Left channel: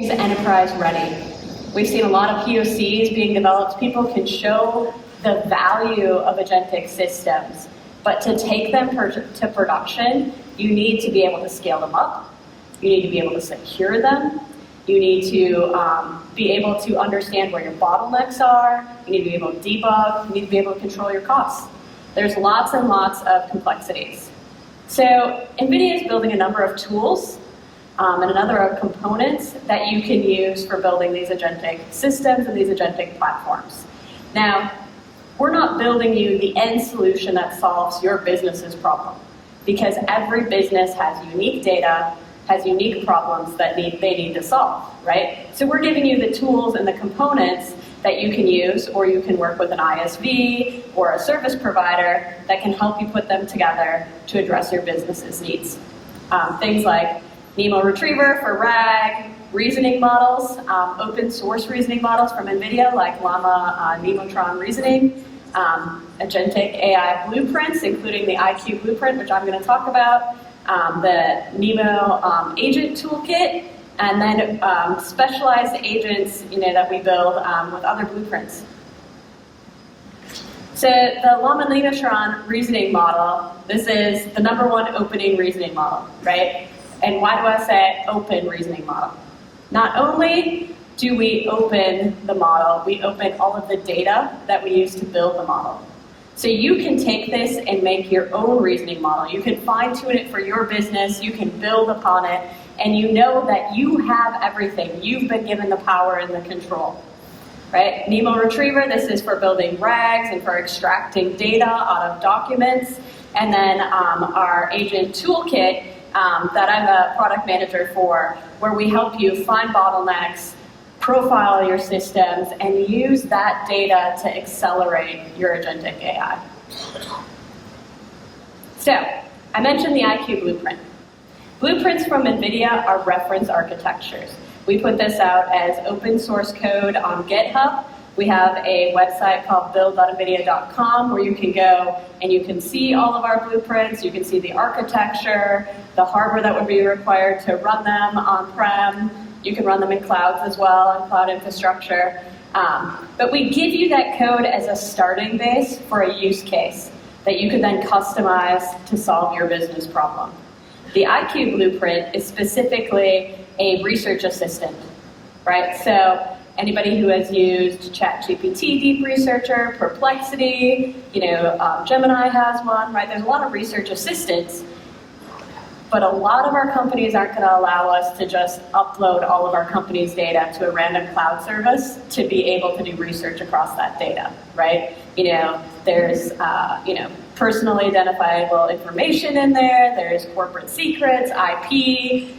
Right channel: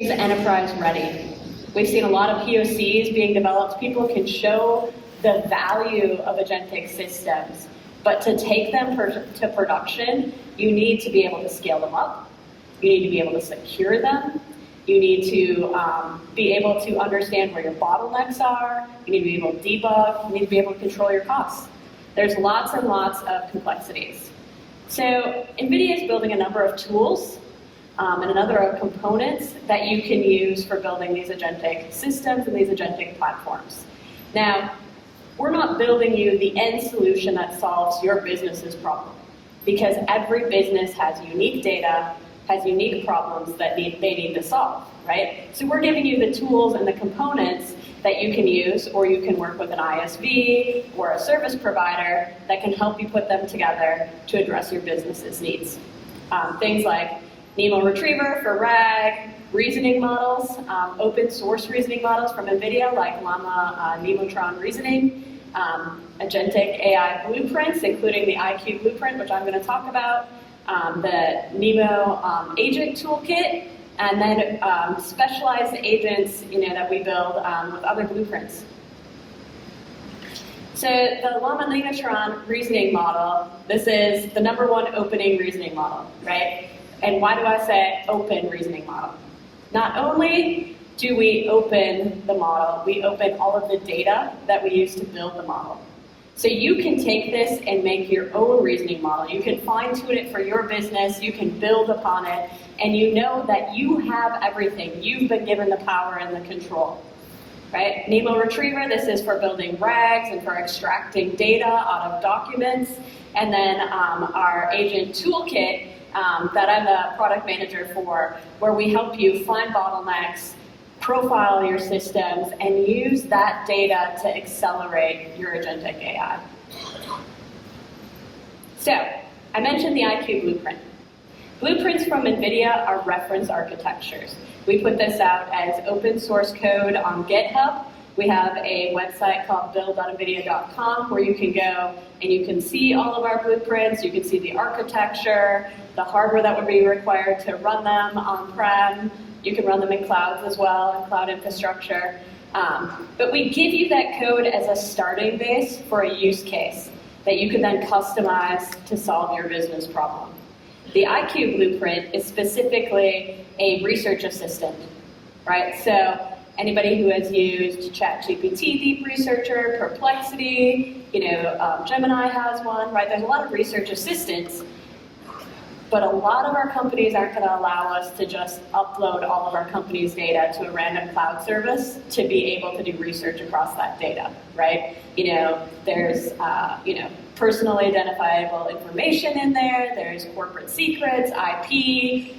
is enterprise ready. We've seen a lot of POCs being developed. People can show the value of agentic systems, but to take them to production, you need to be able to scale them up. You need to be able to secure them. You need to be able to understand where your bottlenecks are. You need to be able to debug. You need to be able to control your costs. There's lots and lots of complexities. So NVIDIA is building a number of tools and a number of components that you can use for building these agentic systems and these agentic platforms. Now, we're not building you the end solution that solves your business's problem, because every business has unique data, has unique problems that they need to solve, right? So we're giving you the tools and the components that you can use, or you can work with an ISV or a service provider that can help you put them together to address your business's needs. Things like Nemo Retriever for RAG, reasoning models, open source reasoning models from NVIDIA like Llama Nemotron reasoning, agentic AI blueprints, including the IQ blueprint, which I'm going to talk about, the Nemo agent toolkit, and then specialized agents, that we build with other blueprints. So the Llama Nemotron reasoning model, this is the #1 opening reasoning model, right? And why do I say open reasoning model? Not only do we open the model, we open all of the data that we use to build the model. So you can take this and make your own reasoning model. You can fine-tune it for your business, you can build upon it, and you know that you have everything. You've been given the power and the control, right? Nemo Retriever, this is for building RAGs and for extracting data out of documents. And then our agent toolkit, that I'm the product manager for, where we help you find bottlenecks, profile your systems, and use that data to accelerate your agentic AI. So, I mentioned the IQ blueprint. Blueprints from NVIDIA are reference architectures. We put this out as open source code on GitHub. We have a website called build.nvidia.com where you can go and you can see all of our blueprints, you can see the architecture, the hardware that would be required to run them on-prem. You can run them in clouds as well, on cloud infrastructure. But we give you that code as a starting base for a use case that you can then customize to solve your business problem. The IQ blueprint is specifically a research assistant, right? So anybody who has used ChatGPT Deep Researcher, Perplexity, Gemini has one, right? There's a lot of research assistants, but a lot of our companies aren't going to allow us to just upload all of our company's data to a random cloud service to be able to do research across that data, right? There's, personally identifiable information in there, there's corporate secrets, IP,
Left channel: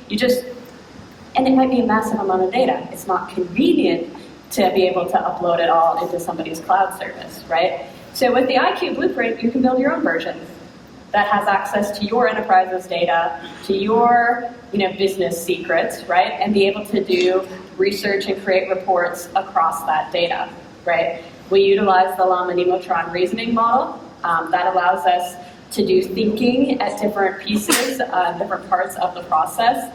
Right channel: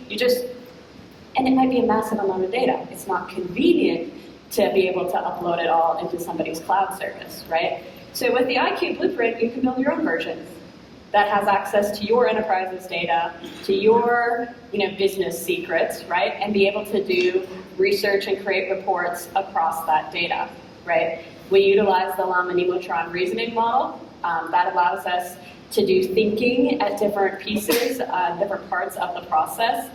and it might be a massive amount of data. It's not convenient to be able to upload it all into somebody's cloud service, right? So with the IQ blueprint, you can build your own version that has access to your enterprise's data, to your business secrets, right? And be able to do research and create reports across that data, right? We utilize the Llama Nemotron reasoning model. That allows us to do thinking at different pieces, different parts of the process.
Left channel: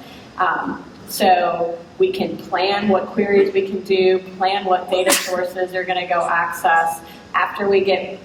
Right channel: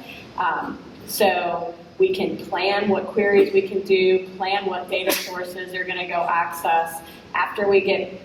So we can plan what queries we can do, plan what data sources are going to go access. After we get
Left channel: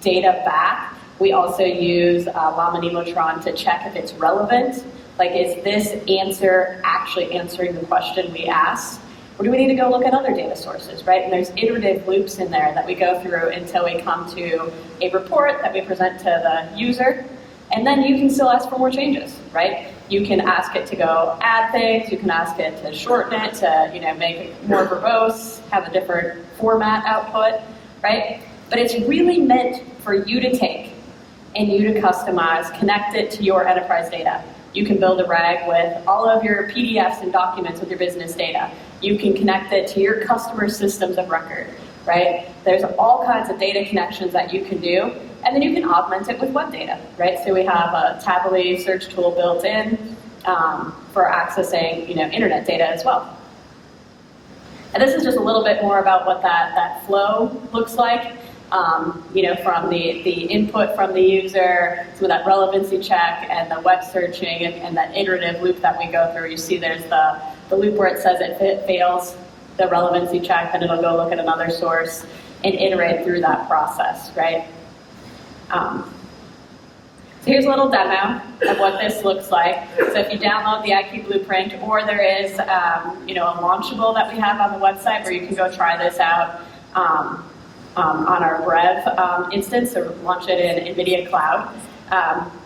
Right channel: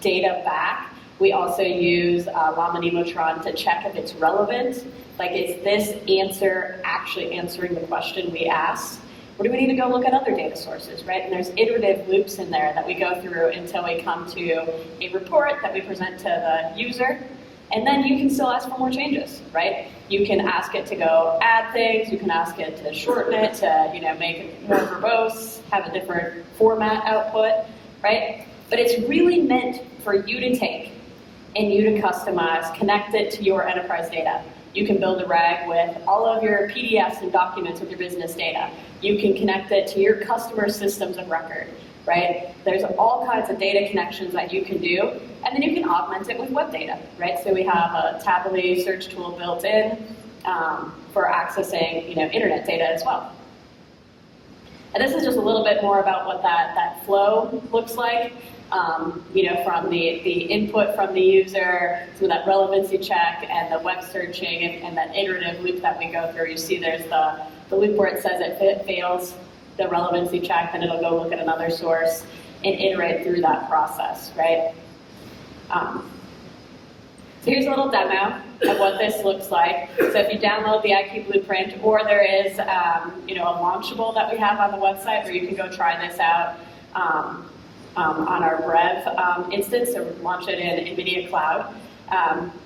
data back, we also use Llama Nemotron to check if it's relevant. Like, is this answer actually answering the question we asked? Or do we need to go look at other data sources, right? And there's iterative loops in there that we go through until we come to a report that we present to the user. And then you can still ask for more changes, right? You can ask it to go add things, you can ask it to shorten it, to make it more verbose, have a different format output, right? But it's really meant for you to take and you to customize, connect it to your enterprise data. You can build a RAG with all of your PDFs and documents with your business data. You can connect it to your customer systems of record, right? There's all kinds of data connections that you can do, and then you can augment it with web data, right? So we have a Tably search tool built in for accessing, internet data as well. And this is just a little bit more about what that flow looks like. From the input from the user, some of that relevancy check and the web searching and that iterative loop that we go through. You see there's the the loop where it says it fails the relevancy check, then it'll go look at another source and iterate through that process, right? So here's a little demo of what this looks like. So if you download the IQ Blueprint, or there is a launchable that we have on the website where you can go try this out on our Brev instance, so launch it in NVIDIA Cloud.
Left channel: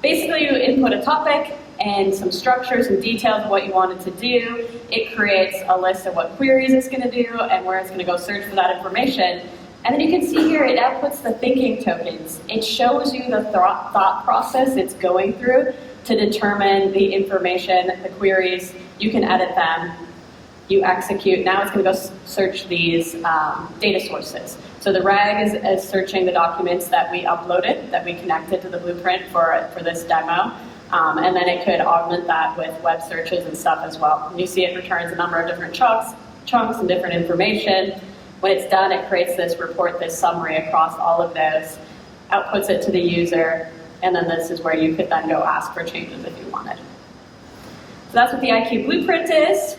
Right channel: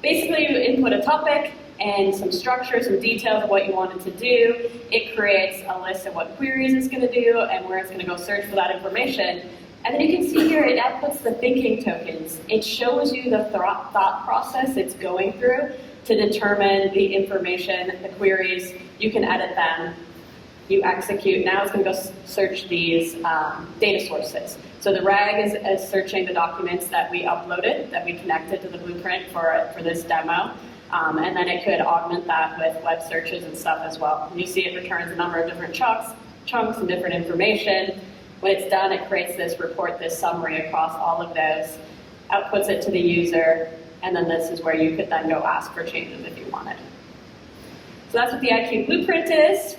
Basically, you input a topic and some structures and details of what you want it to do. It creates a list of what queries it's going to do and where it's going to go search for that information. And then you can see here it outputs the thinking tokens. It shows you the thought process it's going through to determine the information, the queries. You can edit them. You execute. Now it's going to go search these data sources. So the RAG is searching the documents that we uploaded, that we connected to the blueprint for this demo. And then it could augment that with web searches and stuff as well. And you see it returns a number of different chunks and different information. When it's done, it creates this report, this summary across all of those, outputs it to the user, and then this is where you could then go ask for changes if you wanted. So that's what the IQ Blueprint is.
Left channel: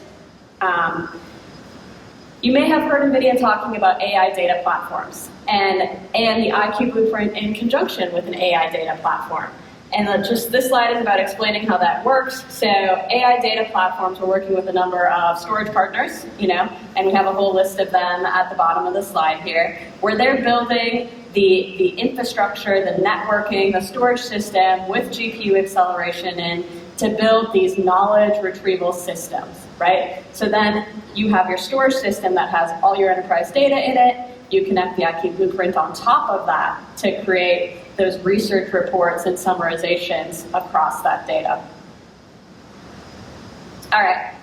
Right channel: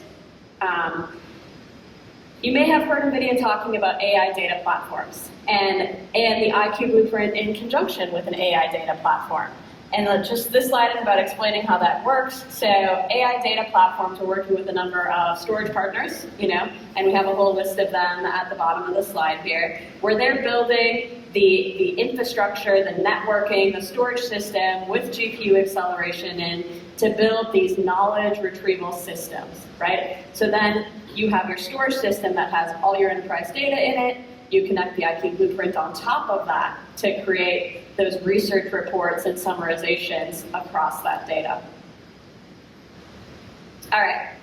You may have heard NVIDIA talking about AI data platforms and the IQ Blueprint in conjunction with an AI data platform. And just this slide is about explaining how that works. So AI data platforms, we're working with a number of storage partners, and we have a whole list of them at the bottom of the slide here, where they're building the infrastructure, the networking, the storage system with GPU acceleration in to build these knowledge retrieval systems, right? So then you have your storage system that has all your enterprise data in it. You connect the IQ Blueprint on top of that to create those research reports and summarizations across that data. All right,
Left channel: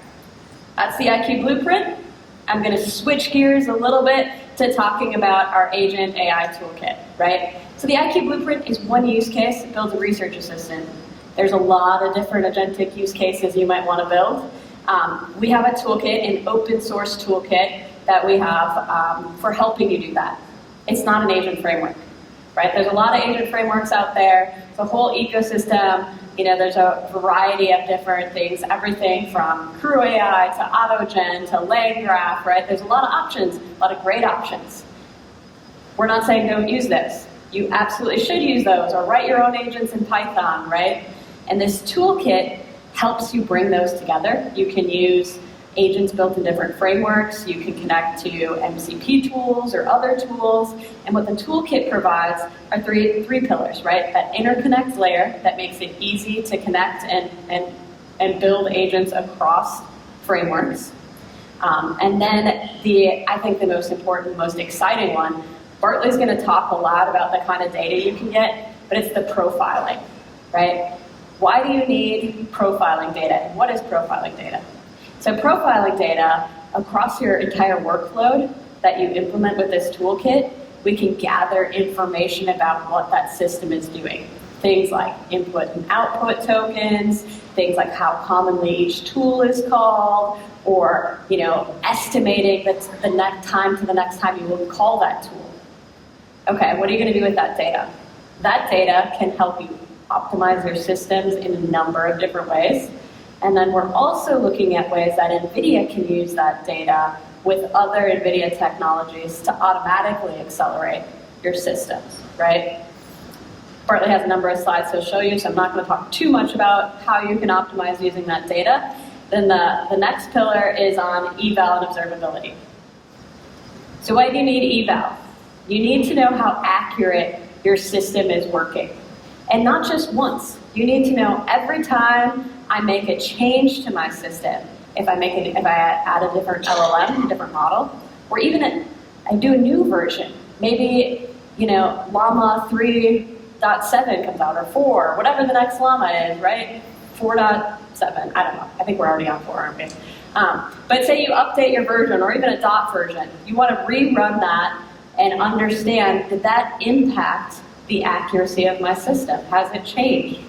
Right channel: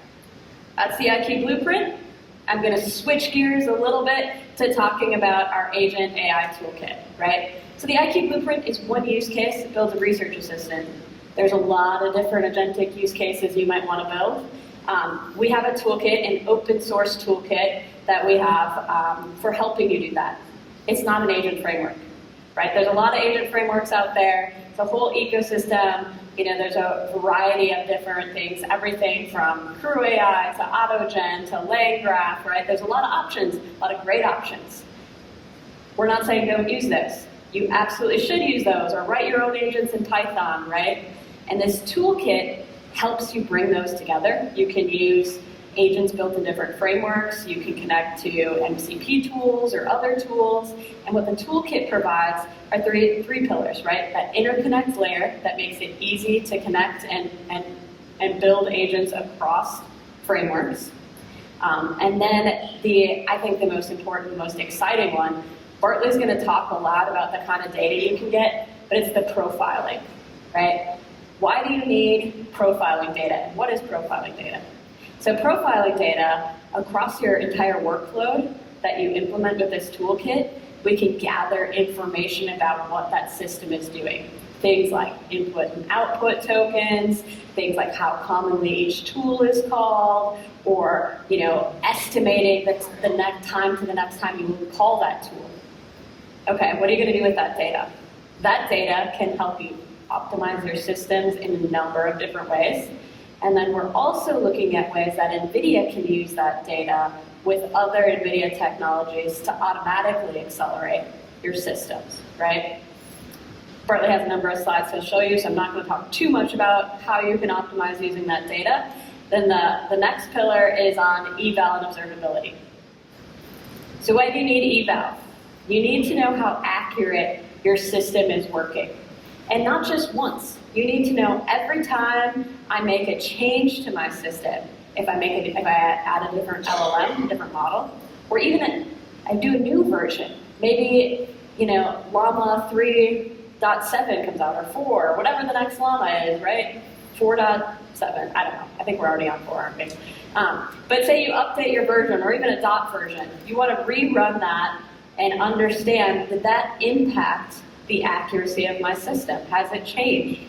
that's the IQ Blueprint. I'm going to switch gears a little bit to talking about our Agent AI toolkit, right? So the IQ Blueprint is one use case. It builds a research assistant. There's a lot of different agentic use cases you might want to build. We have a toolkit, an open source toolkit that we have for helping you do that. It's not an agent framework, right? There's a lot of agent frameworks out there. It's a whole ecosystem. There's a variety of different things, everything from Crew AI to AutoGen to LangGraph, right? There's a lot of options, a lot of great options. We're not saying don't use this. You absolutely should use those, or write your own agents in Python, right? And this toolkit helps you bring those together. You can use agents built in different frameworks. You can connect to MCP tools or other tools. And what the toolkit provides are three pillars, right? That interconnect layer that makes it easy to connect and build agents across frameworks. And then I think the most important, most exciting one, Bartley's going to talk a lot about the kind of data you can get, but it's the profiling, right? Why do you need profiling data? And what is profiling data? So profiling data across your entire workload that you implement with this toolkit, we can gather information about what that system is doing. Things like input and output tokens, things like how commonly each tool is called, or estimating the next time to the next time you will call that tool. Okay, what are you going to do with that data? That data can help you optimize your systems in a number of different ways. And then we're also looking at ways that NVIDIA can use that data with other NVIDIA technologies to automatically accelerate your systems, right? Bartley has a number of slides to show you, so I'm not going to talk too much about how you can optimize using that data. Then the next pillar is on eval and observability. So why do you need eval? You need to know how accurate your system is working. And not just once. You need to know every time I make a change to my system, if I add a different LLM, a different model, or even I do a new version. Maybe, Llama 3.7 comes out, or 4, whatever the next Llama is, right? 4.7, I don't know. I think we're already on 4, aren't we? But say you update your version, or even a dot version. You want to rerun that and understand, did that impact the accuracy of my system? Has it changed?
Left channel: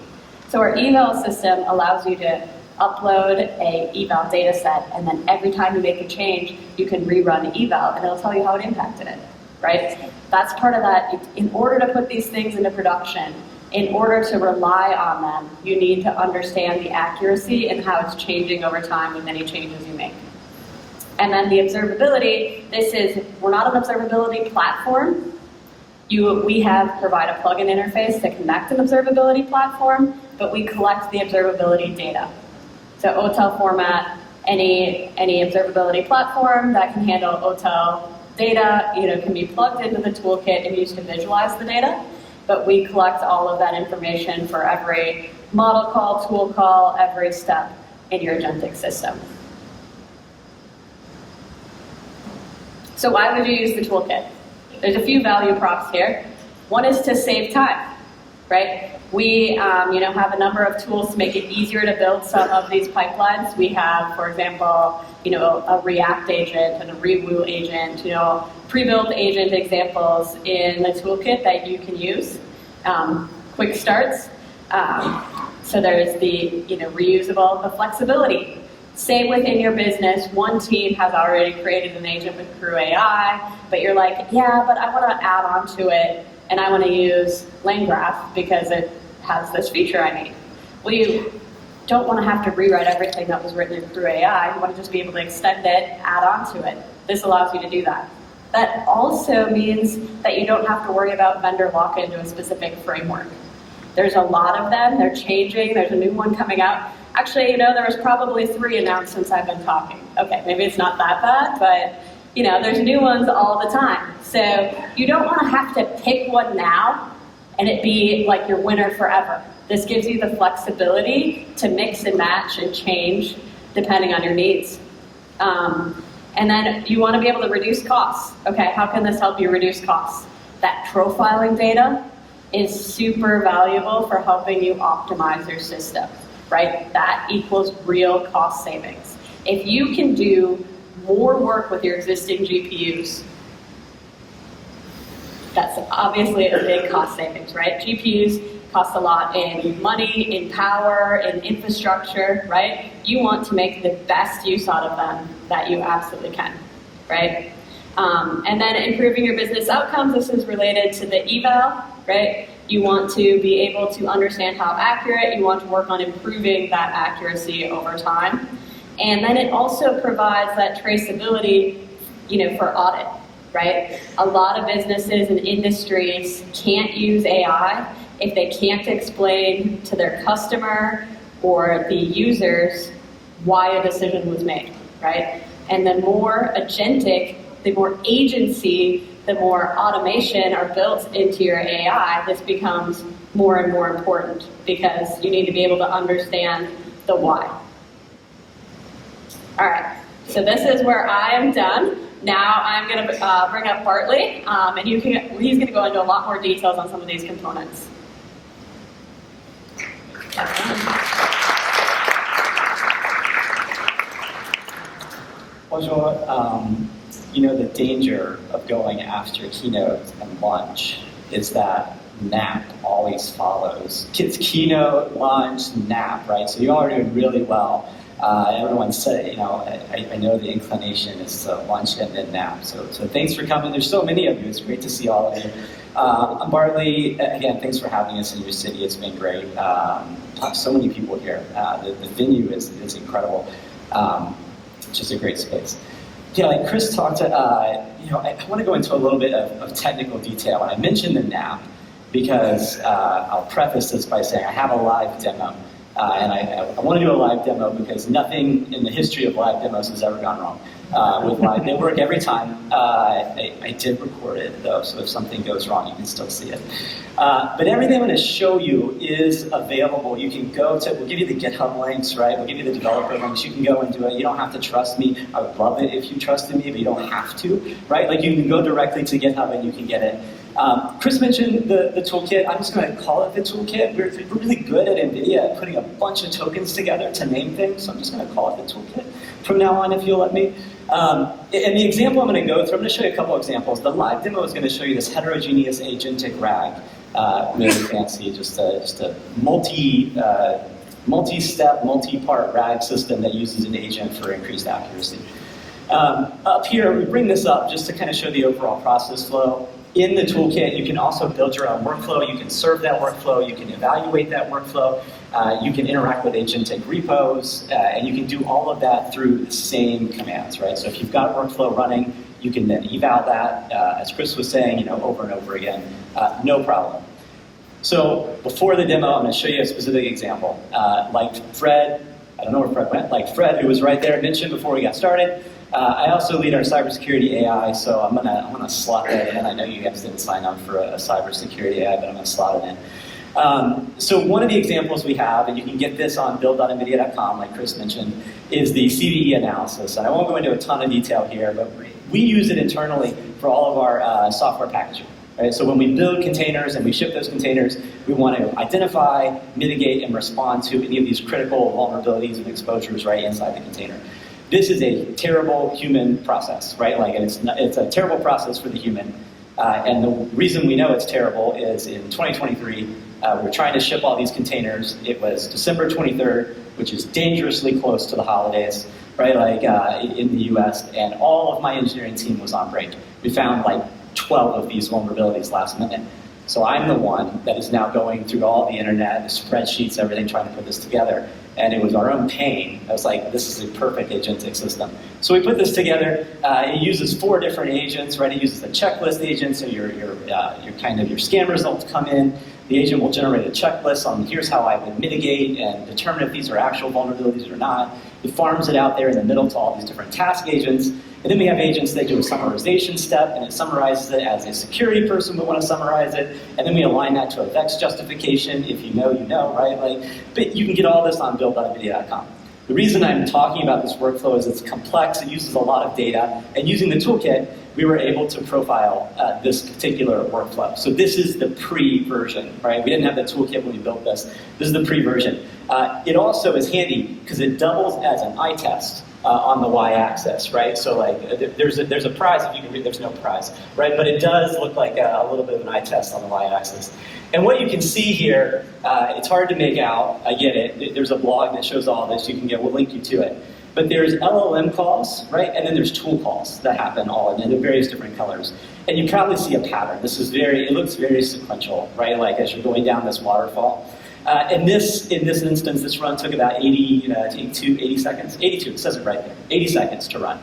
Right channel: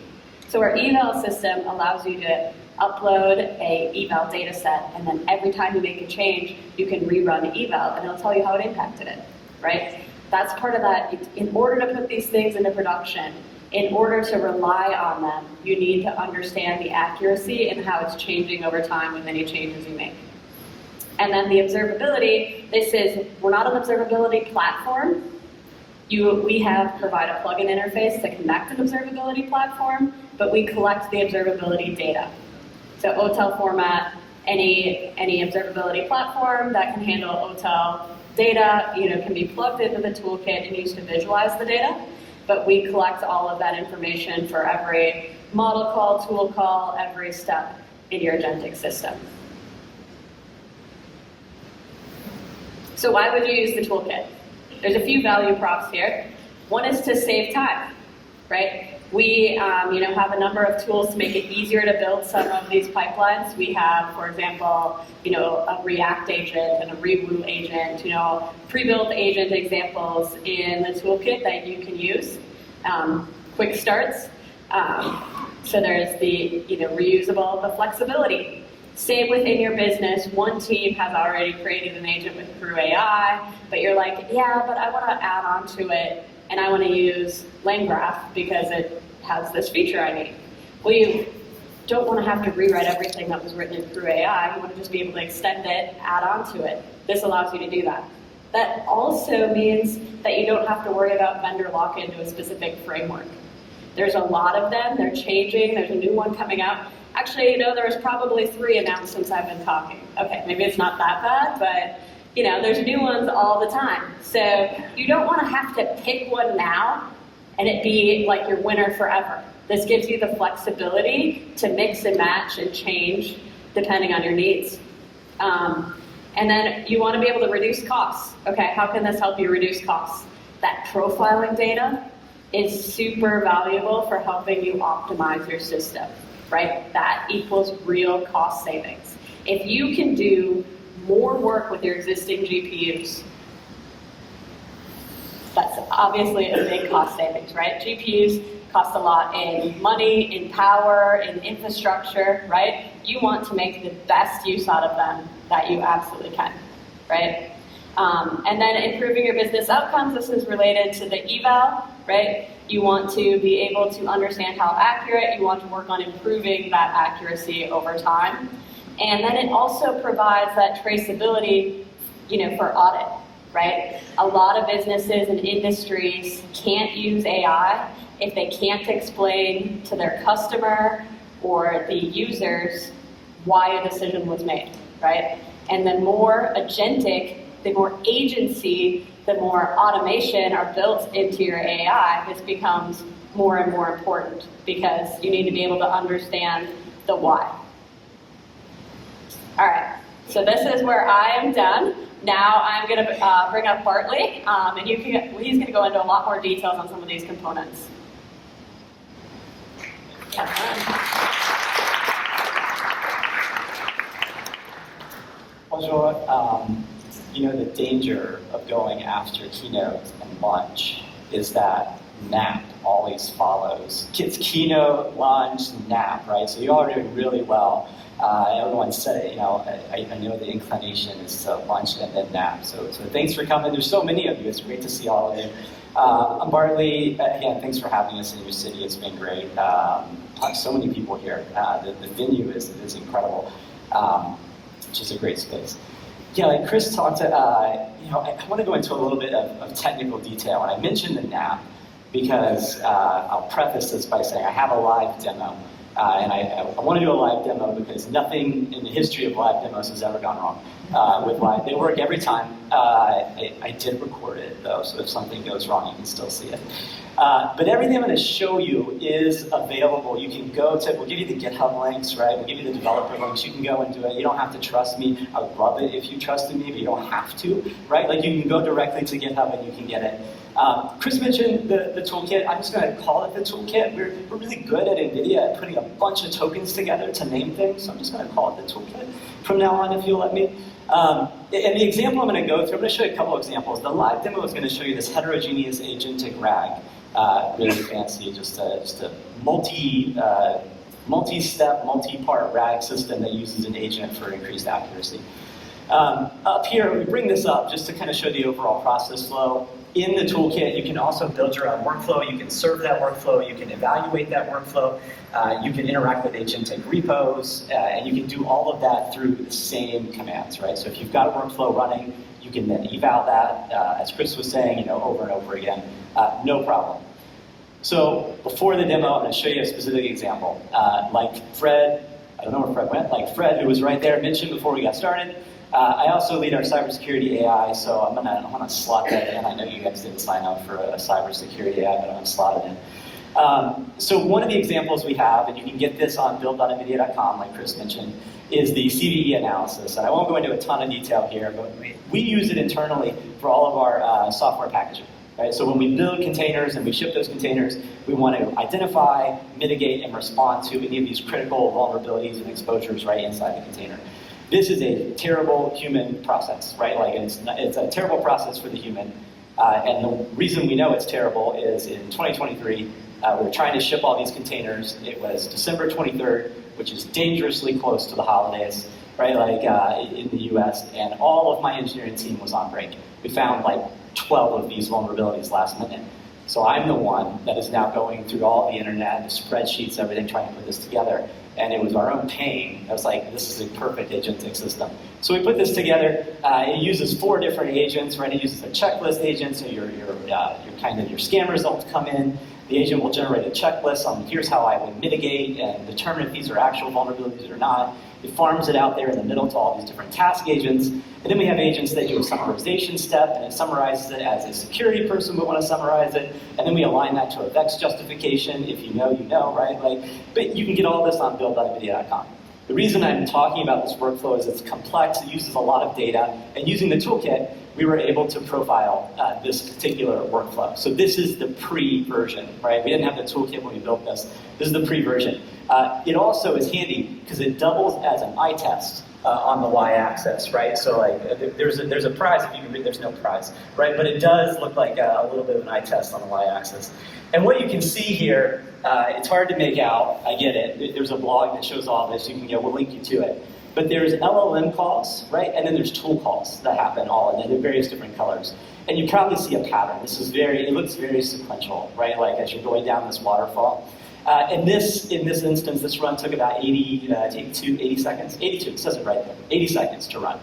So our eval system allows you to upload a eval data set, and then every time you make a change, you can rerun the eval, and it'll tell you how it impacted it, right? That's part of that. In order to put these things into production, in order to rely on them, you need to understand the accuracy and how it's changing over time with any changes you make. And then the observability, we're not an observability platform. We provide a plugin interface to connect an observability platform, but we collect the observability data. So OTel format, any observability platform that can handle OTel data, can be plugged into the toolkit and used to visualize the data. But we collect all of that information for every model call, tool call, every step in your agentic system. So why would you use the toolkit? There's a few value props here. One is to save time, right? We have a number of tools to make it easier to build some of these pipelines. We have, for example, a React agent and a Rewoo agent, pre-built agent examples in the toolkit that you can use. Quick starts. So there's the reusable, the flexibility. Say within your business, one team has already created an agent with Crew AI, but you're like, yeah, but I want to add on to it, and I want to use LangGraph because it has this feature I need. Well, you don't want to have to rewrite everything that was written in Crew AI. You want to just be able to extend it, add on to it. This allows you to do that. That also means that you don't have to worry about vendor lock-in to a specific framework. There's a lot of them. They're changing. There's a new one coming out. Actually, there was probably 3 announced since I've been talking. Okay, maybe it's not that bad, but there's new ones all the time. So you don't want to have to pick one now and it be like your winner forever. This gives you the flexibility to mix and match and change depending on your needs. And then you want to be able to reduce costs. Okay, how can this help you reduce costs? That profiling data is super valuable for helping you optimize your system, right? That equals real cost savings. If you can do more work with your existing GPUs, that's obviously a big cost savings, right? GPUs cost a lot in money, in power, in infrastructure, right? You want to make the best use out of them that you absolutely can, right? And then improving your business outcomes. This is related to the eval, right? You want to be able to understand how accurate, you want to work on improving that accuracy over time. And then it also provides that traceability, for audit, right? A lot of businesses and industries can't use AI if they can't explain to their customer or the users why a decision was made, right? And the more agentic, the more agency, the more automation are built into your AI, this becomes more and more important because you need to be able to understand the why. All right, so this is where I am done. Now I'm going to bring up Bartley, and he's going to go into a lot more details on some of these components. Bonjour. The danger of going after keynote and lunch is that nap always follows. Kids keynote, lunch, nap, right? So you all are doing really well. Everyone said, I know the inclination is to lunch and then nap. So thanks for coming. There's so many of you. It's great to see all of you. I'm Bartley. Again, thanks for having us in your city. It's been great. So many people here. The venue is incredible. It's just a great space. Yeah, like Chris talked, I want to go into a little bit of technical detail. And I mentioned the nap because I'll preface this by saying I have a live demo. And I want to do a live demo because nothing in the history of live demos has ever gone wrong with live. They work every time. I did record it, though, so if something goes wrong, you can still see it. But everything I'm going to show you is available. You can go to, we'll give you the GitHub links, right? We'll give you the developer links. You can go and do it. You don't have to trust me. I would love it if you trusted me, but you don't have to, right? Like, you can go directly to GitHub and you can get it. Chris mentioned the toolkit. I'm just going to call it the toolkit. We're really good at NVIDIA at putting a bunch of tokens together to name things, so I'm just going to call it the toolkit from now on, if you'll let me. And the example I'm going to go through, I'm going to show you a couple examples. The live demo is going to show you this heterogeneous agentic RAG. Really fancy, just a multi-step, multi-part RAG system that uses an agent for increased accuracy. Up here, we bring this up just to kind of show the overall process flow. In the toolkit, you can also build your own workflow. You can serve that workflow. You can evaluate that workflow. You can interact with Agentic repos, and you can do all of that through the same commands, right? So if you've got a workflow running, you can then eval that, as Chris was saying, over and over again, no problem. So before the demo, I'm going to show you a specific example. Like Fred, I don't know where Fred went, like Fred, who was right there, mentioned before we got started. I also lead our cybersecurity AI, so I'm gonna slot that in. I know you guys didn't sign up for a cybersecurity AI, but I'm gonna slot it in. So one of the examples we have, and you can get this on build.nvidia.com, like Chris mentioned, is the CVE analysis. And I won't go into a ton of detail here, but we use it internally for all of our software packaging. Right? So when we build containers and we ship those containers, we want to identify, mitigate, and respond to any of these critical vulnerabilities and exposures right inside the container. This is a terrible human process, right? Like it's a terrible process for the human. And the reason we know it's terrible is in 2023, we were trying to ship all these containers. It was December 23rd, which is dangerously close to the holidays, right? Like in the US, and all of my engineering team was on break. We found like 12 of these vulnerabilities last minute. So I'm the one that is now going through all the internet, the spreadsheets, everything, trying to put this together. And it was our own pain. I was like, this is a perfect agentic system. So we put this together. It uses 4 different agents, right? It uses a checklist agent, so your scan results come in. The agent will generate a checklist on here's how I would mitigate and determine if these are actual vulnerabilities or not. It farms it out there in the middle to all these different task agents. And then we have agents that do a summarization step, and it summarizes it as a security person would want to summarize it. And then we align that to a VEX justification. If you know, right? But you can get all this on build.nvidia.com. The reason I'm talking about this workflow is it's complex, it uses a lot of data, and using the toolkit, we were able to profile this particular workflow. So this is the pre-version, right? We didn't have the toolkit when we built this. This is the pre-version. It also is handy because it doubles as an eye test on the y-axis, right? So like there's a prize if you can read. There's no prize, right? But it does look like a little bit of an eye test on the y-axis. And what you can see here, it's hard to make out. I get it. There's a blog that shows all this. You can get. We'll link you to it. But there's LLM calls, right? And then there's tool calls that happen all in various different colors. And you probably see a pattern. It looks very sequential, right? Like as you're going down this waterfall. In this instance, this run took about 80 seconds. 82, it says it right there. 80 seconds to run.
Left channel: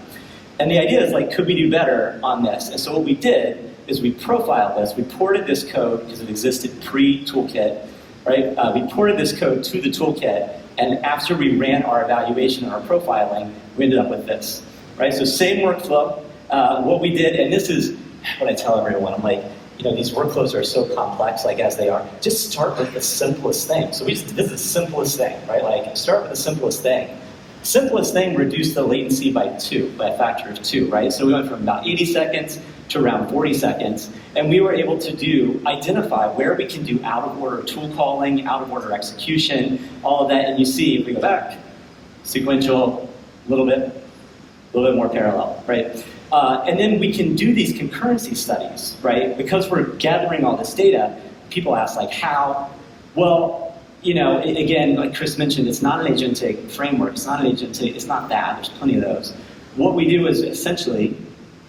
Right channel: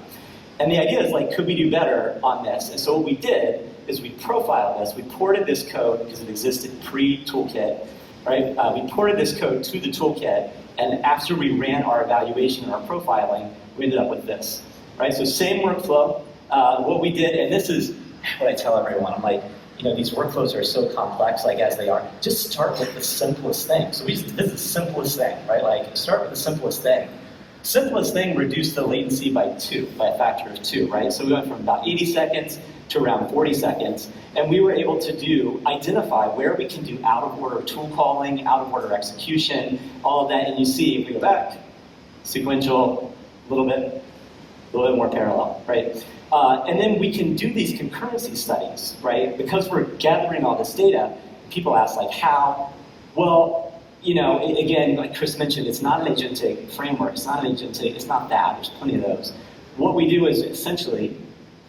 And the idea is like, could we do better on this? And so what we did is we profiled this. We ported this code because it existed pre-toolkit, right? We ported this code to the toolkit. And after we ran our evaluation and our profiling, we ended up with this, right? So same workflow. What we did, and this is what I tell everyone, I'm like, these workflows are so complex, like as they are, just start with the simplest thing. So this is the simplest thing, right? Like start with the simplest thing. Simplest thing, reduce the latency by a factor of 2, right? So we went from about 80 seconds to around 40 seconds, and we were able to identify where we can do out-of-order tool calling, out-of-order execution, all of that, and you see, if we go back, sequential, a little bit more parallel, right? And then we can do these concurrency studies, right? Because we're gathering all this data, people ask, like, how? Well, again, like Chris mentioned, it's not an agentic framework, it's not that, there's plenty of those. What we do is essentially,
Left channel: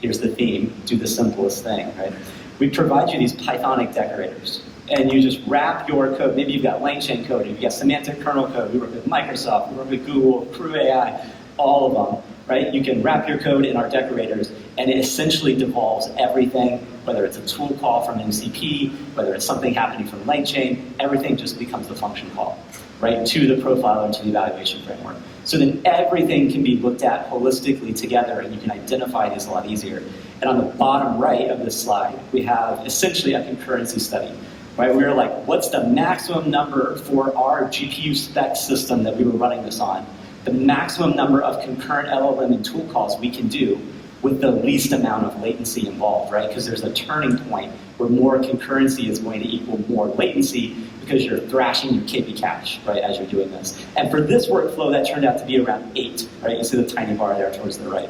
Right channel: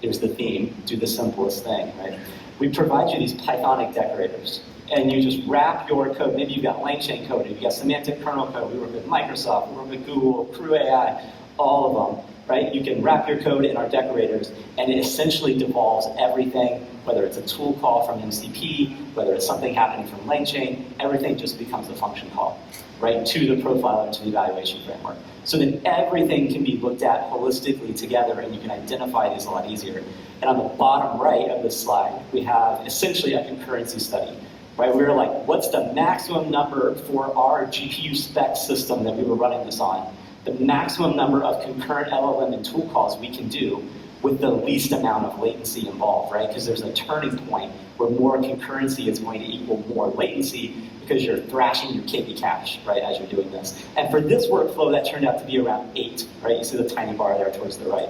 here's the theme, do the simplest thing, right? We provide you these Pythonic decorators, and you just wrap your code. Maybe you've got LangChain code, you've got semantic kernel code, we work with Microsoft, we work with Google, Crew AI, all of them, right? You can wrap your code in our decorators, and it essentially devolves everything, whether it's a tool call from MCP, whether it's something happening from LangChain, everything just becomes the function call, right, to the profiler, to the evaluation framework. So then everything can be looked at holistically together, and you can identify these a lot easier. And on the bottom right of this slide, we have essentially a concurrency study, right? We were like, what's the maximum number for our GPU spec system that we were running this on? The maximum number of concurrent LLM and tool calls we can do with the least amount of latency involved, right? Because there's a turning point where more concurrency is going to equal more latency because you're thrashing your KB cache, right, as you're doing this. And for this workflow, that turned out to be around 8, right? You see the tiny bar there towards the right.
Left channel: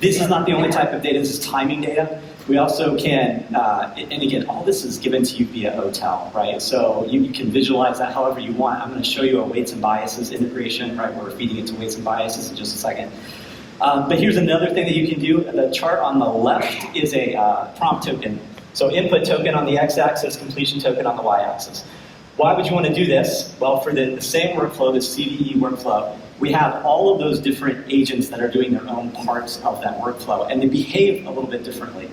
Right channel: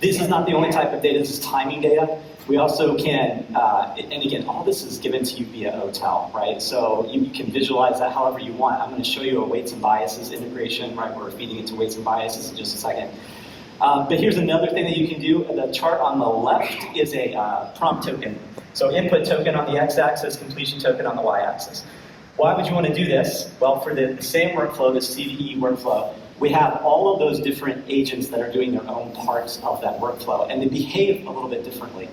This is not the only type of data, this is timing data. We also can, and again, all this is given to you via OTel, right? So you can visualize that however you want. I'm going to show you a weights and biases integration, right? Where we're feeding into weights and biases in just a second. But here's another thing that you can do. The chart on the left is a prompt token. So input token on the x-axis, completion token on the y-axis. Why would you want to do this? Well, for the same workflow, the CVE workflow, we have all of those different agents that are doing their own parts of that workflow, and they behave a little bit differently,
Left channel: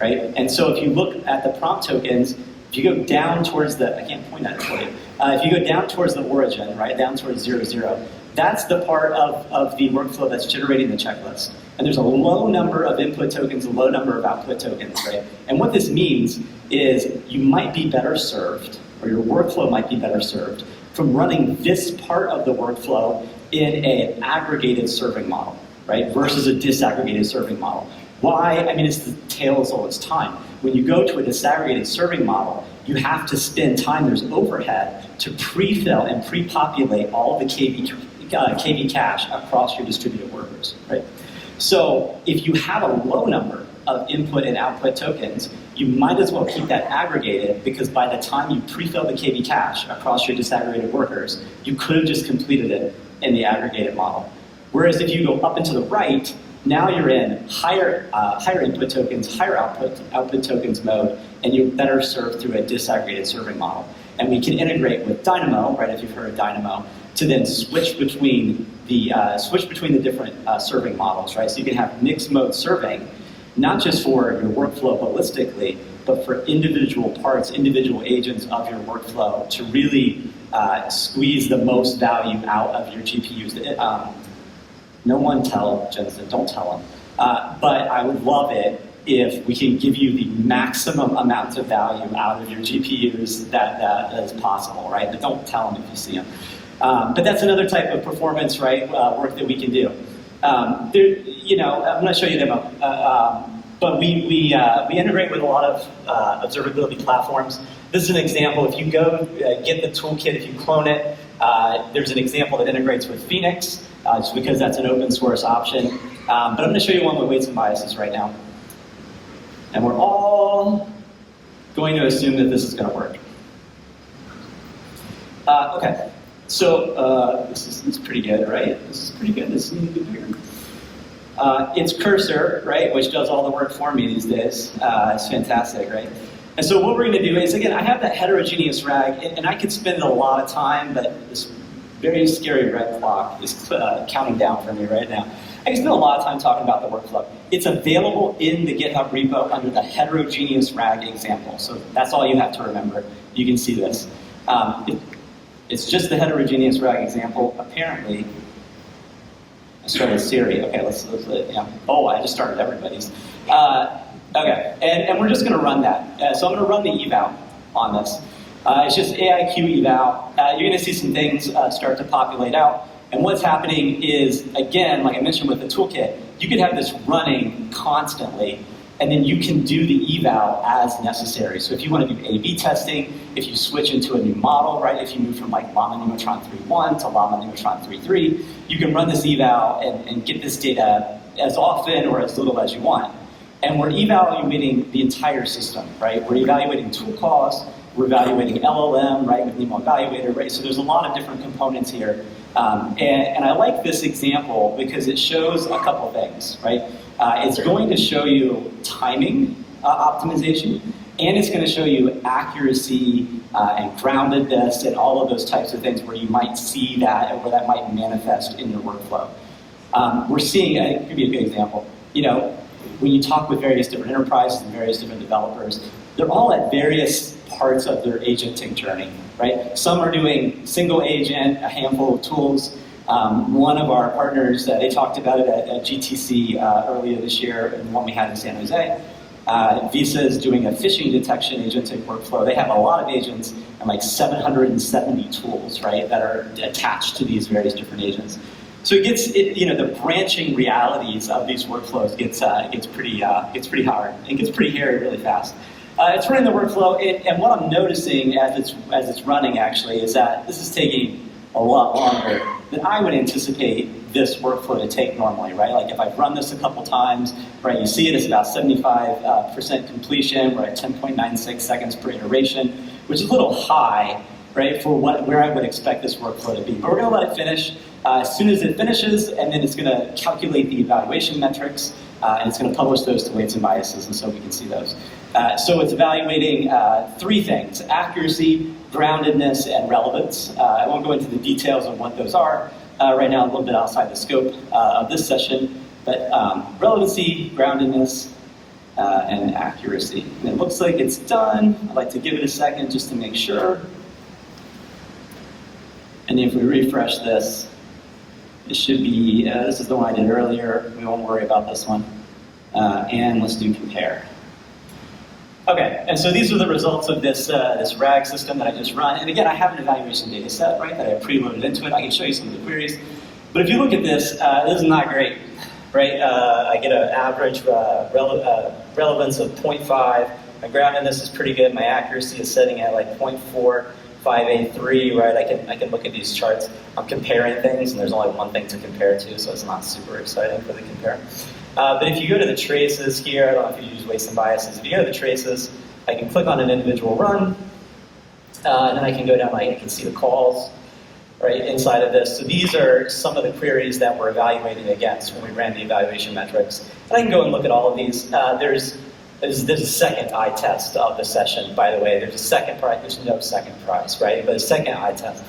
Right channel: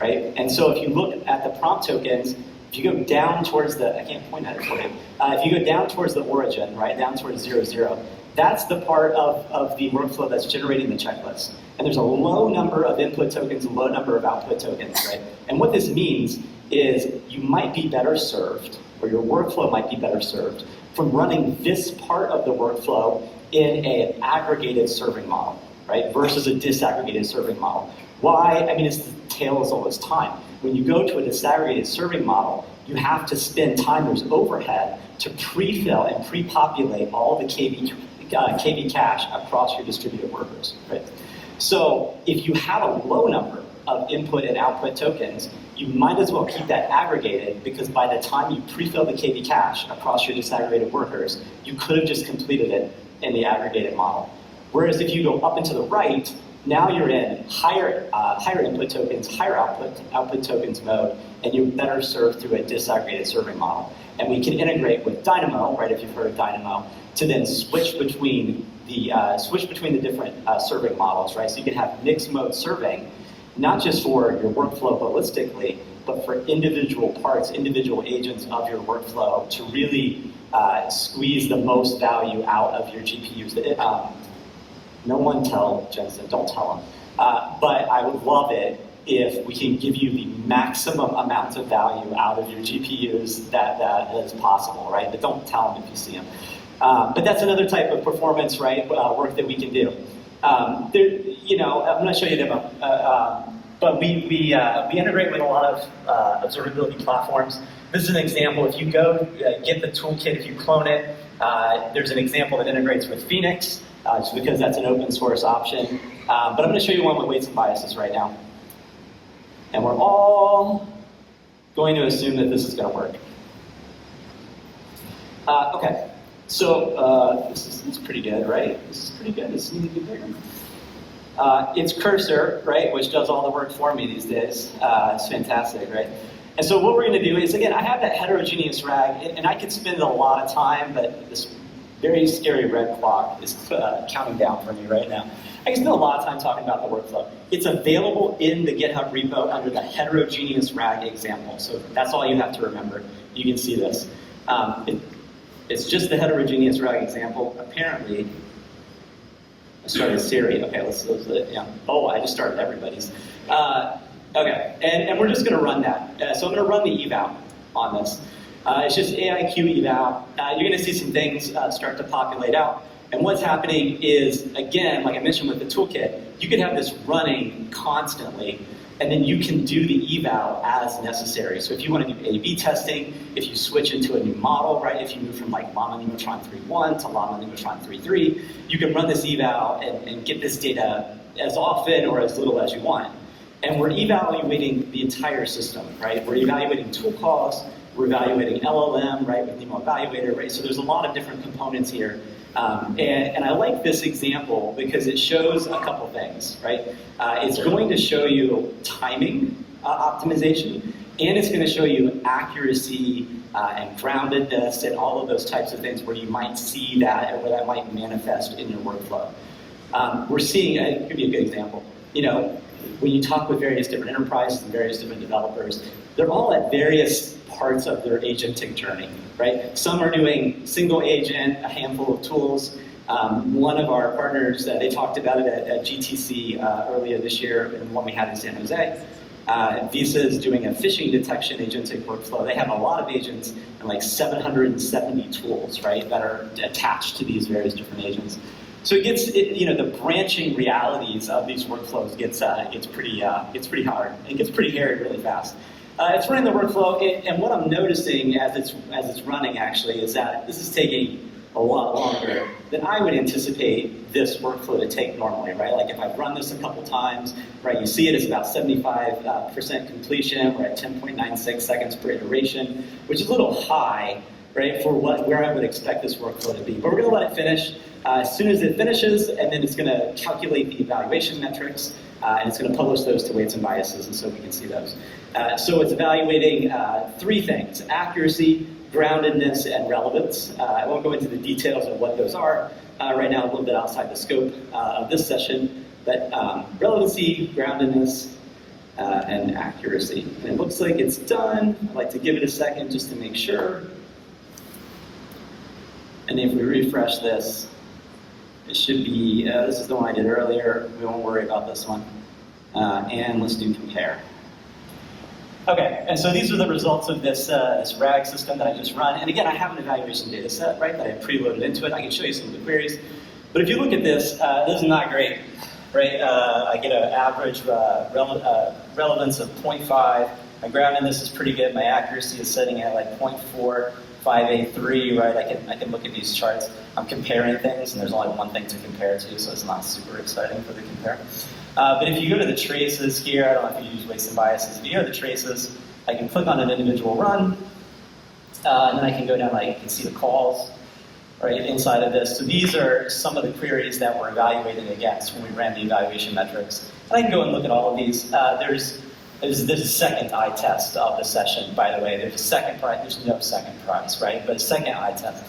right? And so if you look at the prompt tokens, if you go down towards the, I can't point at it for you, if you go down towards the origin, right, down towards 0, 0, that's the part of the workflow that's generating the checklist. And there's a low number of input tokens, a low number of output tokens, right? And what this means is you might be better served, or your workflow might be better served, from running this part of the workflow in an aggregated serving model, right, versus a disaggregated serving model. Why? I mean, it's the tale as old as time. When you go to a disaggregated serving model, you have to spend time, there's overhead, to pre-fill and pre-populate all the KV cache across your distributed workers, right? So if you have a low number of input and output tokens, you might as well keep that aggregated, because by the time you pre-fill the KV cache across your disaggregated workers, you could have just completed it in the aggregated model. Whereas if you go up and to the right, now you're in higher input tokens, higher output tokens mode, and you're better served through a disaggregated serving model. And we can integrate with Dynamo, right, if you've heard of Dynamo, to then switch between the different serving models, right? So you can have mixed mode serving, not just for your workflow holistically, but for individual parts, individual agents of your workflow to really squeeze the most value out of your GPUs. No one tell Jensen, don't tell him. But I would love it if we can give you the maximum amount of value out of your GPUs that is possible, right? But don't tell them if you see them. But that's another type of performance, right, work that we can do. I'm going to show you them, but we integrate with a lot of observability platforms. This is an example. If you go get the toolkit, if you clone it, there's an example that integrates with Phoenix, just because that's an open source option. But I'm going to show you one with weights and biases right now. And we're all going to assume that this is going to work. Okay. So this is pretty good, right? This is pretty good. This needs to be bigger. It's Cursor, right, which does all the work for me these days. It's fantastic, right? And so what we're going to do is, again, I have that heterogeneous RAG, and I could spend a lot of time, but this very scary red clock is counting down for me right now. I can spend a lot of time talking about the workflow. It's available in the GitHub repo under the heterogeneous RAG example. So that's all you have to remember. You can see this. It's just the heterogeneous RAG example. Apparently, I started Siri. Okay, let's yeah. Oh, I just started everybody's. Okay, and we're just going to run that. So I'm going to run the eval on this. It's just AIQ eval. You're going to see some things start to populate out. And what's happening is, again, like I mentioned with the toolkit, you could have this running constantly, and then you can do the eval as necessary. So if you want to do A/B testing, if you switch into a new model, right? If you move from like Llama Nemotron 3.1 to Llama Nemotron 3.3, you can run this eval and get this data as often or as little as you want. And we're evaluating the entire system, right? We're evaluating tool calls, we're evaluating LLM, right, with Nemo Evaluator, right? So there's a lot of different components here. And I like this example because it shows a couple things, right? It's going to show you timing optimization, and it's going to show you accuracy and groundedness and all of those types of things where you might see that and where that might manifest in your workflow. We're seeing, I think it could be a good example, you know, when you talk with various different enterprises and various different developers, they're all at various parts of their agentic journey, right? Some are doing single agent, a handful of tools. One of our partners, they talked about it at GTC earlier this year, and one we had in San Jose. Visa is doing a phishing detection agentic workflow. They have a lot of agents and like 770 tools, right, that are attached to these various different agents. So the branching realities of these workflows gets pretty hard. It gets pretty hairy really fast. It's running the workflow, and what I'm noticing as it's running actually is that this is taking a lot longer than I would anticipate this workflow to take normally, right? Like if I've run this a couple times, right, you see it's about 75% completion. We're at 10.96 seconds per iteration, which is a little high. right, for where I would expect this workflow to be. But we're going to let it finish. As soon as it finishes, and then it's going to calculate the evaluation metrics, and it's going to publish those to weights and biases, and so we can see those. So it's evaluating 3 things: accuracy, groundedness, and relevance. I won't go into the details of what those are right now, a little bit outside the scope of this session, but relevancy, groundedness, and accuracy. And it looks like it's done. I'd like to give it a second just to make sure. And if we refresh this, it should be, this is the one I did earlier. We won't worry about this one. And let's do compare. Okay, and so these are the results of this RAG system that I just run. And again, I have an evaluation data set, right, that I preloaded into it. I can show you some of the queries. But if you look at this, this is not great, right? I get an average relevance of 0.5. My groundedness is pretty good. My accuracy is setting at like 0.4583, right? I can look at these charts. I'm comparing things, and there's only one thing to compare to, so it's not super exciting for the compare. But if you go to the traces here, I don't know if you use weights and biases. If you go to the traces, I can click on an individual run, and then I can go down, I can see the calls right inside of this. So these are some of the queries that we're evaluating against when we ran the evaluation metrics. And I can go and look at all of these. There's a second eye test of the session, by the way. There's a second prize. There's no second prize, right? But a second eye test.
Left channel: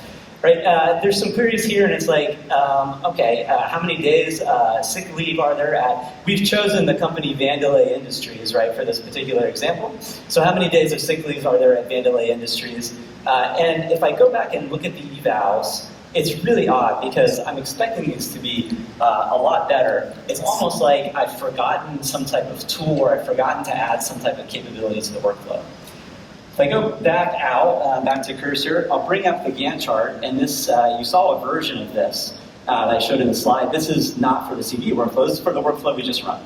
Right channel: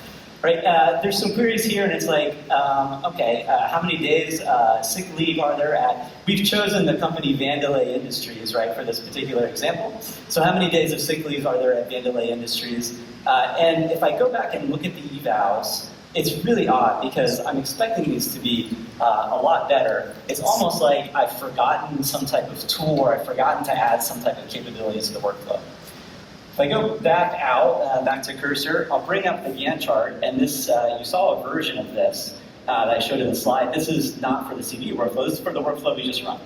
Right, there's some queries here, and it's like, okay, how many days sick leave are there at? We've chosen the company Vandelay Industries, right, for this particular example. So how many days of sick leave are there at Vandelay Industries? And if I go back and look at the evals, it's really odd because I'm expecting these to be a lot better. It's almost like I've forgotten some type of tool, or I've forgotten to add some type of capability to the workflow. If I go back out, back to cursor, I'll bring up the Gantt chart, and this, you saw a version of this that I showed in the slide. This is not for the CV workflow, this is for the workflow we just run.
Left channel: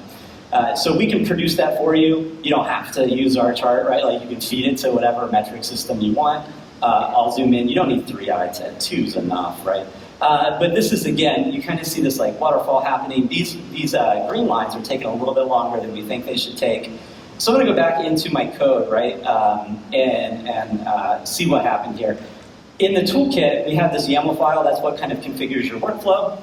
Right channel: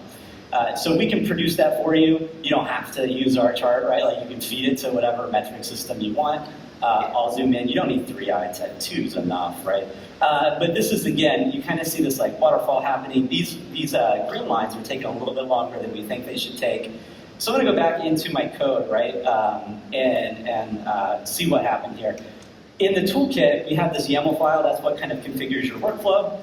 So we can produce that for you. You don't have to use our chart, right? Like you can feed it to whatever metric system you want. I'll zoom in. You don't need 3 eyes, 2's enough, right? But this is, again, you kind of see this like waterfall happening. These green lines are taking a little bit longer than we think they should take. So I'm going to go back into my code, right, and see what happened here. In the toolkit, we have this YAML file. That's what kind of configures your workflow.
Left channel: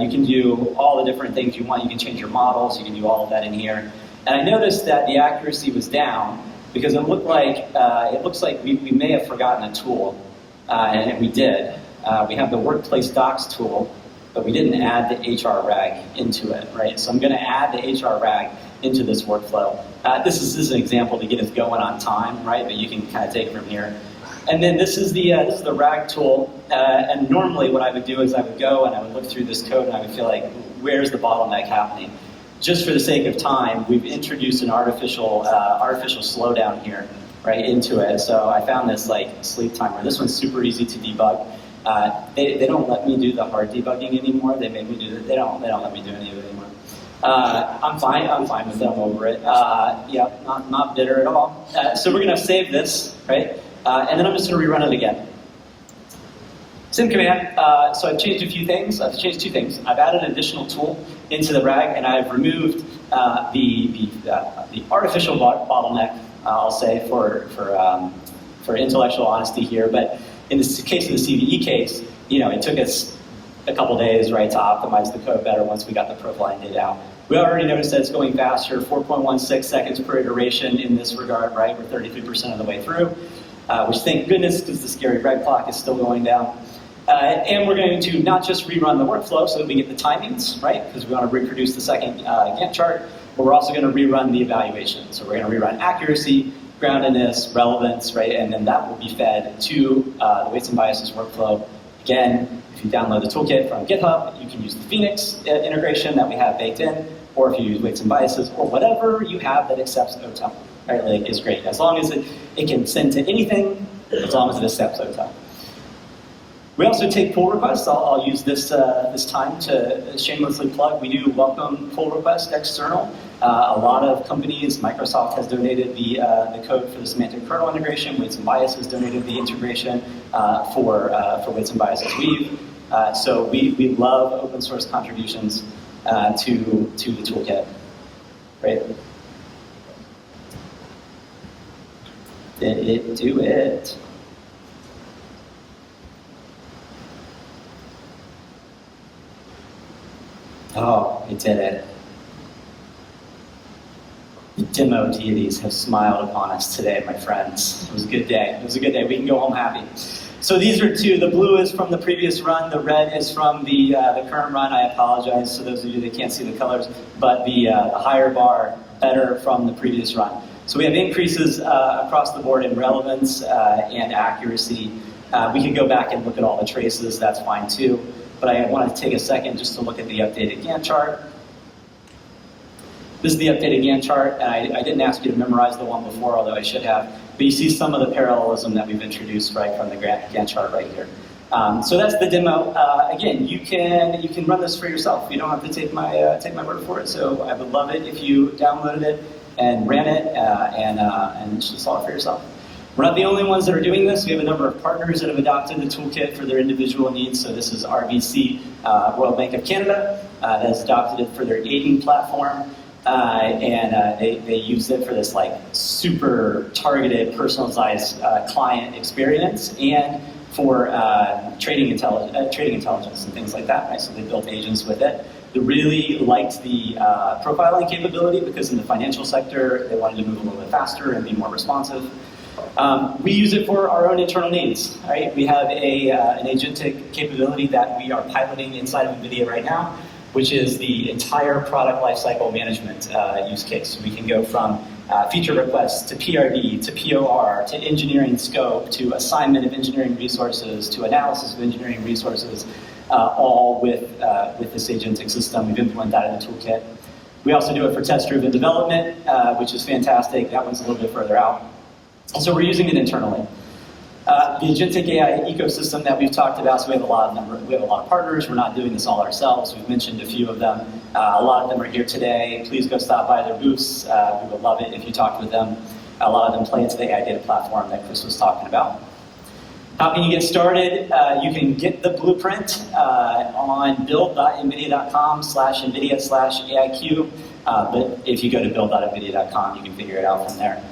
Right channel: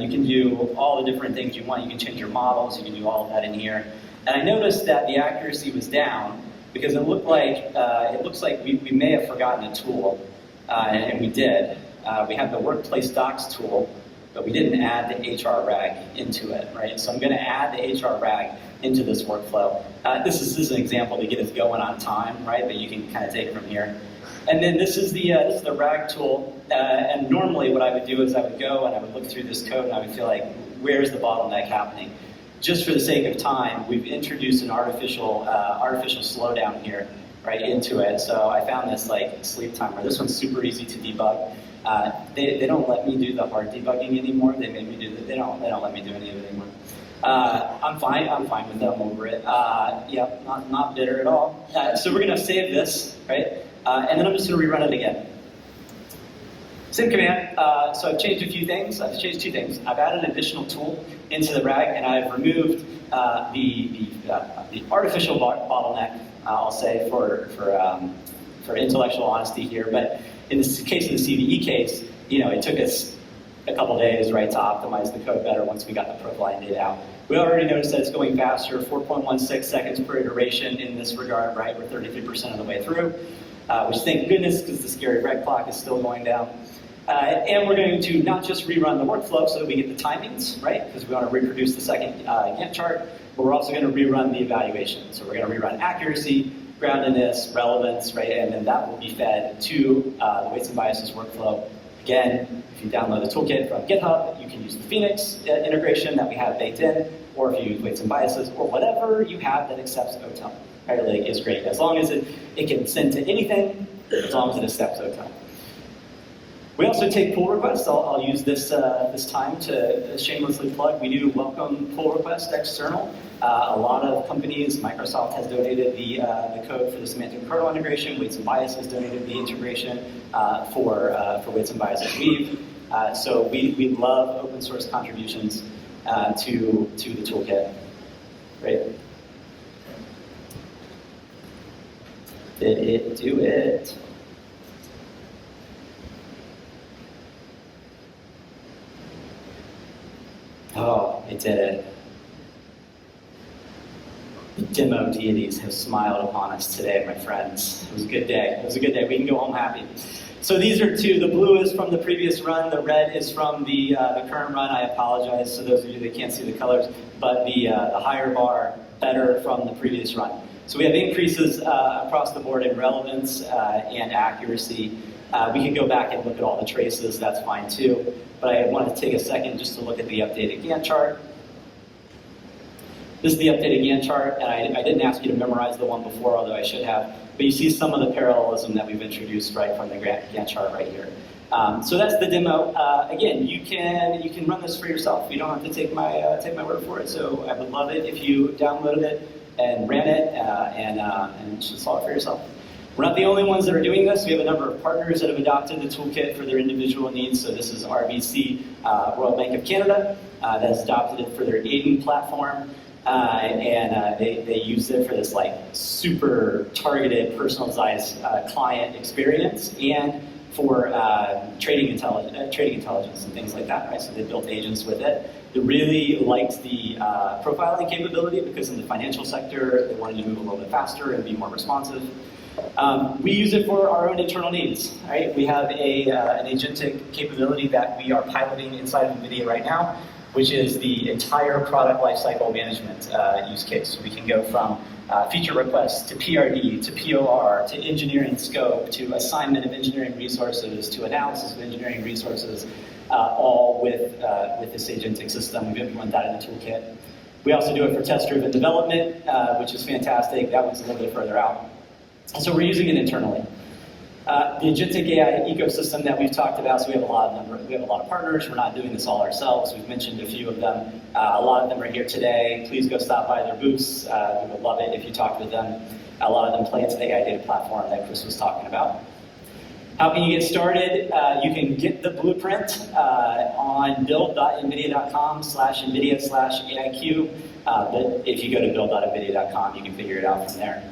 You can do all the different things you want. You can change your models. You can do all of that in here. And I noticed that the accuracy was down because it looks like we may have forgotten a tool, and we did. We have the Workplace Docs tool, but we didn't add the HR rag into it, right? So I'm going to add the HR rag into this workflow. This is an example to get us going on time, right? But you can kind of take it from here. And then this is the rag tool. And normally what I would do is I would go and I would look through this code and I would feel like, where's the bottleneck happening? Just for the sake of time, we've introduced an artificial slowdown here, right, into it. So I found this like sleep timer. This one's super easy to debug. They don't let me do the hard debugging anymore. They made me do that. They don't let me do any of it anymore. I'm fine with them over it. Yeah, not bitter at all. So we're going to save this, right? And then I'm just going to rerun it again. Same command. So I've changed a few things. I've changed 2 things. I've added an additional tool into the RAG, and I've removed the artificial bottleneck, I'll say, for intellectual honesty here. But in the case of the CVE case, it took us a couple days, right, to optimize the code better once we got the profiling data out. We already noticed that it's going faster, 4.16 seconds per iteration in this regard, right? We're 33% of the way through, which thank goodness, because the scary red clock is still going down. And we're going to not just rerun the workflow so that we get the timings, right? Because we want to reproduce the second Gantt chart, but we're also going to rerun the evaluation. So we're going to rerun accuracy, groundedness, relevance, right? And then that will be fed to the weights and biases workflow. Again, if you download the toolkit from GitHub, you can use the Phoenix integration that we have baked in, or if you use weights and biases, or whatever you have that accepts OTEL. Right? Like, it's great. As long as it can send to anything, as long as it accepts OTEL. We also take pull requests. I'll use this time to shamelessly plug. We do welcome pull requests external. A lot of companies, Microsoft has donated the code for the semantic kernel integration. Weights and Biases donated the integration for Weights and Biases Weave. So we love open source contributions to the toolkit. Right? Did it do it? Oh, we did it. The demo deities have smiled upon us today, my friends. It was a good day. It was a good day. We can go home happy. So these are two. The blue is from the previous run. The red is from the current run. I apologize to those of you that can't see the colors, but the higher bar, better from the previous run. So we have increases across the board in relevance and accuracy. We can go back and look at all the traces. That's fine too. But I want to take a second just to look at the updated Gantt chart. This is the updated Gantt chart, and I didn't ask you to memorize the one before, although I should have. But you see some of the parallelism that we've introduced right from the Gantt chart right here. So that's the demo. Again, you can run this for yourself. You don't have to take my word for it. So I would love it if you downloaded it and ran it and just saw it for yourself. We're not the only ones that are doing this. We have a number of partners that have adopted the toolkit for their individual needs. So this is RBC, Royal Bank of Canada, that has adopted it for their Aiden platform. They use it for this like super targeted, personalized client experience and for trading intelligence and things like that. Right? So they built agents with it. They really liked the profiling capability because in the financial sector, they wanted to move a little bit faster and be more responsive. We use it for our own internal needs. Right? We have an agentic capability that we are piloting inside of NVIDIA right now, which is the entire product lifecycle management use case. So we can go from feature requests to PRD, to POR, to engineering scope, to assignment of engineering resources, to analysis of engineering resources, all with this agentic system. We've implemented that in the toolkit. We also do it for test-driven development, which is fantastic. That one's a little bit further out. And so we're using it internally. The agentic AI ecosystem that we've talked about, so we have a lot of partners. We're not doing this all ourselves. We've mentioned a few of them. A lot of them are here today. Please go stop by their booths. We would love it if you talked with them. A lot of them play into the AI data platform that Chris was talking about. How can you get started? You can get the blueprint on build.nvidia.com/nvidia/AIQ. But if you go to build.nvidia.com, you can figure it out from there.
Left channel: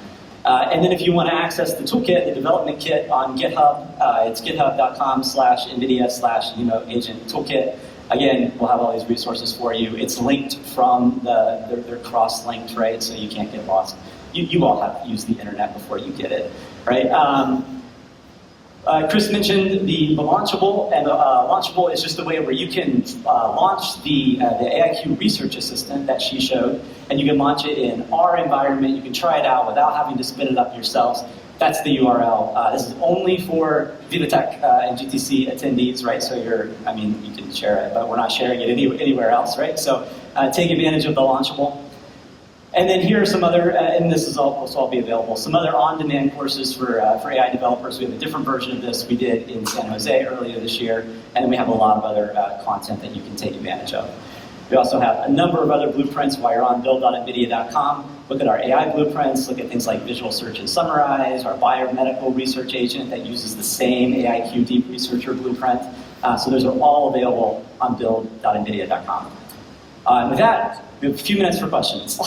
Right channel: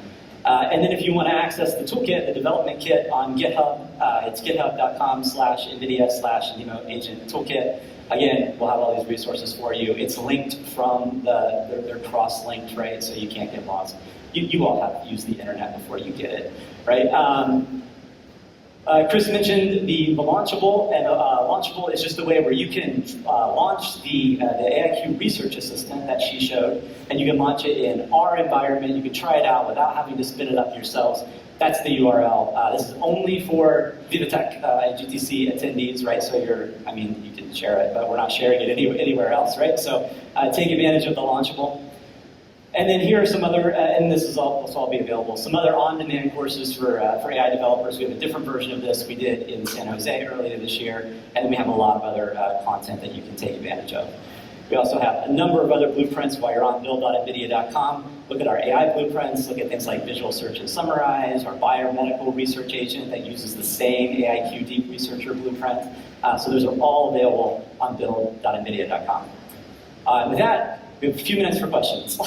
And then if you want to access the toolkit, the development kit on GitHub, it's github.com/NVIDIA/agent toolkit. Again, we'll have all these resources for you. It's linked from they're cross-linked, right? So you can't get lost. You all have used the internet before you get it, right? Chris mentioned the Launchable, and Launchable is just a way where you can launch the AIQ Research Assistant that she showed, and you can launch it in our environment. You can try it out without having to spin it up yourselves. That's the URL. This is only for VivaTech and GTC attendees, right? So you can share it, but we're not sharing it anywhere else, right? So take advantage of the Launchable. And then here are some other, and this is will all be available, some other on-demand courses for AI developers. We have a different version of this we did in San Jose earlier this year, and then we have a lot of other content that you can take advantage of. We also have a number of other blueprints while you're on build.nvidia.com. Look at our AI blueprints, look at things like visual search and summarize, our biomedical research agent that uses the same AIQ Deep Researcher blueprint. So those are all available on build.nvidia.com. With that, we have a few minutes for questions.